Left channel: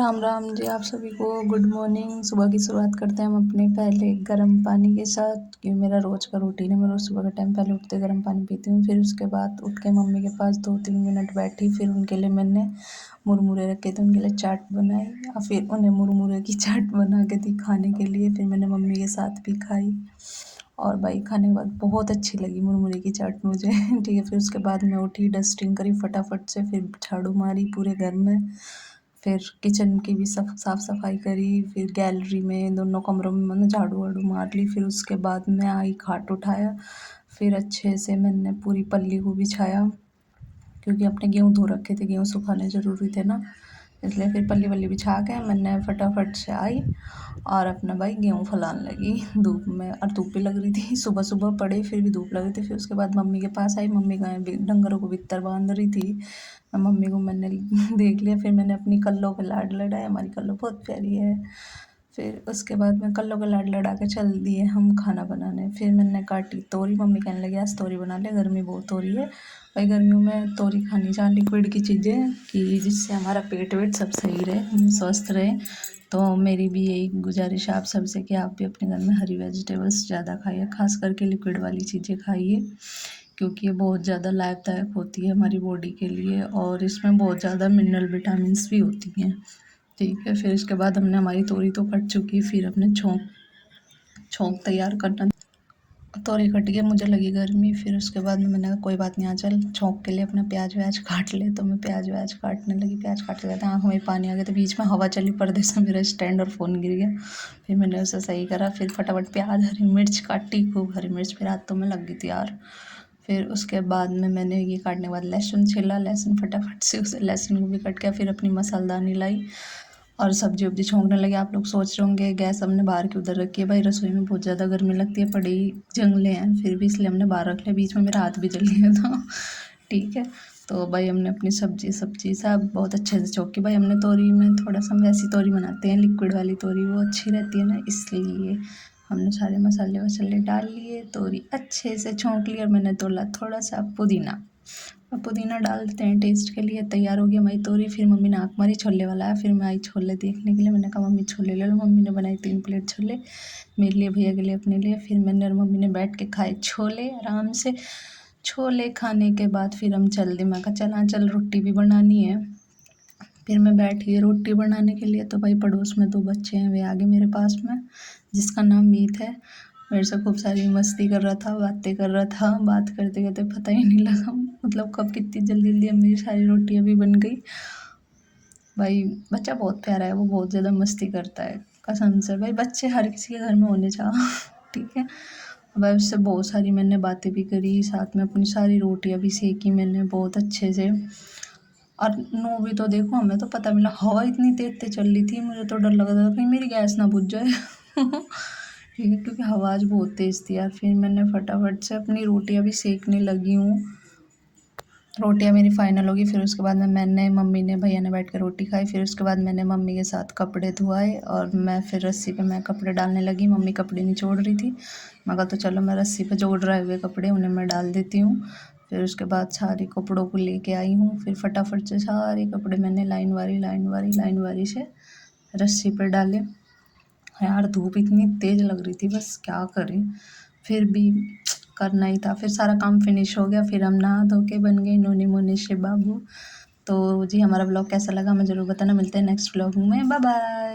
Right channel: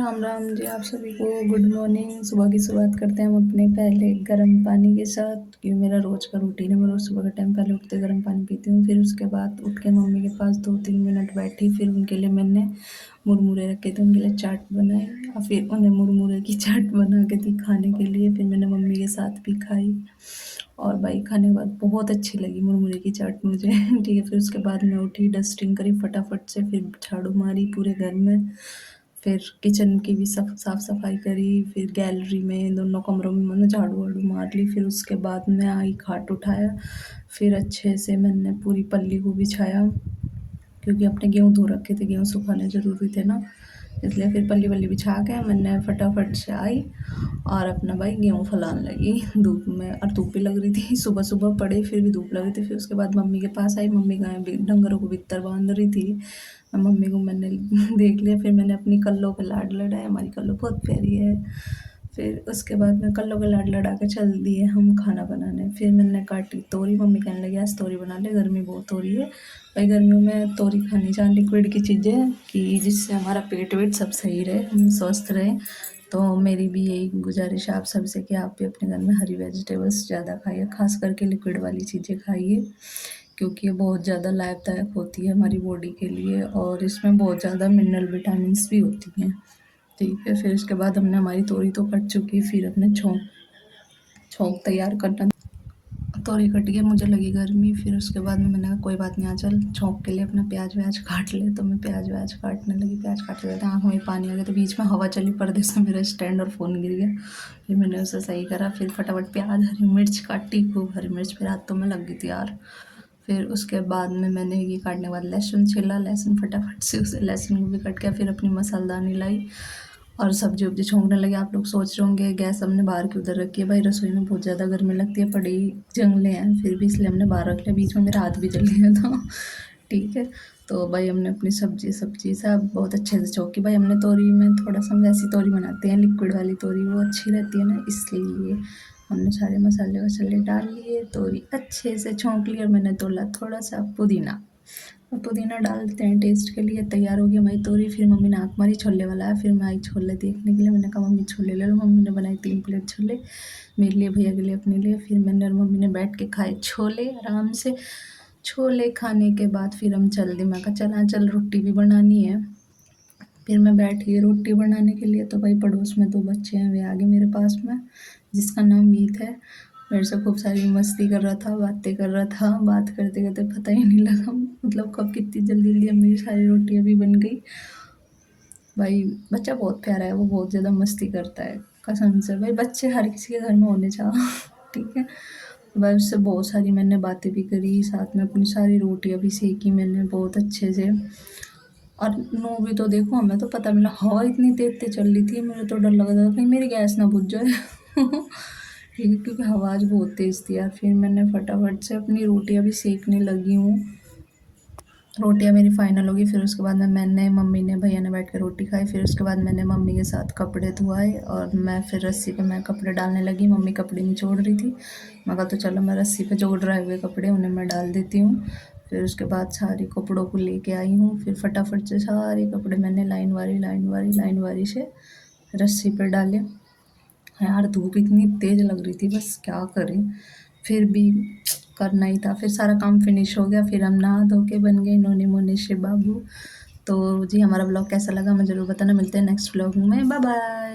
राम राम जी, आप सभी को गुड मॉर्निंग। सुबह की शुरुआत करते हैं हम अपने पहले गर्म पानी के साथ, क्योंकि मेरा रोज़ का रूटीन है। मैं रोज़ सुबह के टाइम पहले उठते गर्म पानी पीती हूँ। फिर उसके बाद उठ के मम्मी के पास 2-3 मिनट बैठी। फिर उनके लिए मैंने मुरमुरे रखे थे, उनके लिए चाट बनाई और फिर उन्हें मुरमुरे की चाट बना के दी खाने के लिए। फिर मैंने मम्मी के साथ भी खाई और भाई खाने के बाद बहुत अच्छी लगी मुरमुरे की चाट मुझे। ठीक है, फिर उसके बाद मैं उठी, डस्टिंग करी फटाफट से, फिर झाड़ू मारी पूरे घर में, फिर किचन की भी साफ़ सफाई करी, फिर गैलरी में दोनों कमरों में मैंने झाड़ू वाड़ू मार ली। फिर उसके बाद मैं आई, खाट उठाया, फिर अच्छे से मैंने पूरी पल्ली को बिछाया, क्योंकि अपने गेहूँ धो रखे थे, गेहूँ सुखाने ज़रूरी थे ना, इसलिए फिर पल्ली वल्ली बिछा के मैंने फटाफट से आई और अपना भाई गेहूँ फैलाने लगी धूप में। और धूप भी लग रही थी, सुबह सुबह पड़े फिर भी धूप लग रही थी। फिर उसके बाद मम्मी के पास आई, मम्मी गाय डंगरों को बिस्तर बांध रही थी। मम्मी को मैंने देख लिया, फिर मैंने अपनी कल्लों पे लाड लड़ाया। हमारी कल्लो बहुत प्यारी है। फिर उसके बाद में कल्लों के लाड लड़ा के चल दिए हम खाना बनाने। फिर मैंने काटी तोरी, मम्मी कहने लगी आज तोरी बना ले, गर्मी बहुत हो रही है। भाई गर्मियों में तोरी खानी चाहिए, लिक्विड की चीज़ें, कि जिससे हमारा पेट वेट सब सही रहे, हम स्वस्थ रहें। तो मेरी भी यही गुजारिश है आप सबसे कि आप भी अपने घर में हरी वेजिटेबल्स ज़्यादा खाइए, खास करके लिक्विड वाली चीज़ें खाइए, क्योंकि ये बहुत ज़्यादा लाभदायक होती है हमारी बॉडी के लिए और इसमें बहुत ज़्यादा मिनरल विटामिन्स भी होती हैं। ठीक है, फिर उसके बाद हमने हमारी तोरी तो कट चुकी, फिर अपने छोंक तैयार करना। तोरी कट गई, मुझे लगी गर्मी। फिर उसके बाद में मैंने कहा कोई बात नहीं, आ चल छोंक के लिए अपना प्याज व्याज काट ले। तो मैं प्याज व्याज काटने लगी, प्याज काटते जाते आँख में पानी आ गया। तो बीच में हवा चली, पर्दे से मेरा स्टैंड और फ़ोन गिर गया। फिर मैंने उसे सही करा, फिर फटाफट प्याज हरी मिर्च काटी, खूब हरी मिर्च, फिर हाथों में लग गई थी यार। फिर उसके बाद में मैंने ये काटने के बाद लहसुन छिला, लहसुन फटाफट से उसे लहसुन को भी कट किया। फिर अपनी मसालदानी लाई और सब्जी वब्जी छोंकने लगे। आप लोग सोच रहे होंगे गैस हमने बाहर की उधर रखी है, भाई रसोई में बहुत ज़्यादा गर्मी लगती है, पड़े ही जंगले हैं, फिर भी इसलिए हमने बाहर रख लिया। बीच में मेरा हाथ भी जल गया था। ठीक है, तो भाई हमने अपनी सब्जी सब बहुत अच्छे से चौकी। भाई हमने तोरी में थोड़ा सा हम वैसी तोरी बनाते हैं, लिक्विड वाली तोरी, वो अच्छी रहती है ना, इसलिए हमने सारे मसाले वसाले डाल लिए, तोरी अच्छे से छौंक ली और मैंने तोला थोड़ा सा पुदीना। अब पुदीना डाल देते हैं टेस्ट के लिए। तैयार हो गई हमारी तोरी। फिर मम्मी ने आँख मारी, छोले वाला है। फिर मैं आई छोले देखने के लिए, मैंने कहा मम्मी छोले ले लो। मम्मी ने बनाई 3 प्लेट छोले, मेरे लिए, भैया के लिए, अपने लिए। फिर मैंने और मम्मी ने बैठ के खाए छोले आराम से। छोले खाने के बाद फिर हम चल दिए, मैं कहा चल हाँ चल रोटी भी बनानी है। फिर मैं बैठ गई रोटी बनाने के लिए। तो भाई पड़ोस में 2 बच्चे हैं, वे आ गए मेरे पास में, जिसका नाम मीत है। मेरे से खूब सारी मस्ती कर रहा था, बातें कर रहा था। बात करते करते पता ही नहीं लगा मतलब कब कितनी जल्दी जल्दी मेरी सारी रोटियाँ भी बन गई। भाई बच्चा बहुत प्यारा है, वो बहुत ज़्यादा मस्ती करता है, कसम से। भाई बच्चे हर किसी के घर में होने चाहिए। ठीक है, भाई उससे बहुत सारी मैंने बातें भी करी, साथ में अपनी सारी रोटियाँ भी सेकी मैंने बहुत अच्छे से। और नू भी तो देखो, हमें तो पता मिला हवा इतनी तेज तेज चल रही थी, मुझे तो डर लग रहा था कहीं मेरी गैस ना बुझ जाए। ठीक है, क्योंकि हवा आज बहुत तेज़ थी यार। फिर मैंने फटाफट से अपनी रोटियां भी सेकने लगी हूँ। रोटियां मेरी फाइनल होगी। फिर उसके बाद में मैंने, मम्मी ने, भैया ने बैठ कर रोटी खाई। फिर उसके बाद मैंने मम्मी के साथ कपड़े धोए और मैं फिर रस्सी पे मैं कपड़े डालने लगी। मम्मी कपड़े निचोड़ रही थी, मैं कहा तो चलो मैं रस्सी पे जोड़ रहे हुए कपड़े उन्हें मैं डाल देती हूँ। फिर उसके बाद सारे कपड़ों को लेके आई हूँ। फिर फटाफट से सारे कपड़े मैंने लाइन वारी से रस्सी पर डाले। यार धूप इतनी तेज़ लग रही थी, बस क्या करें, फिर भी करना ही था। फिर सारा काम फिनिश हो गया। फिर हम नहा धो के बन गए नोने मोने से बाबू। तो जी हमारा ब्लॉग कैसा लगा हमें ज़रूर बताना। मिलते हैं नेक्स्ट ब्लॉग में, बाय बाय।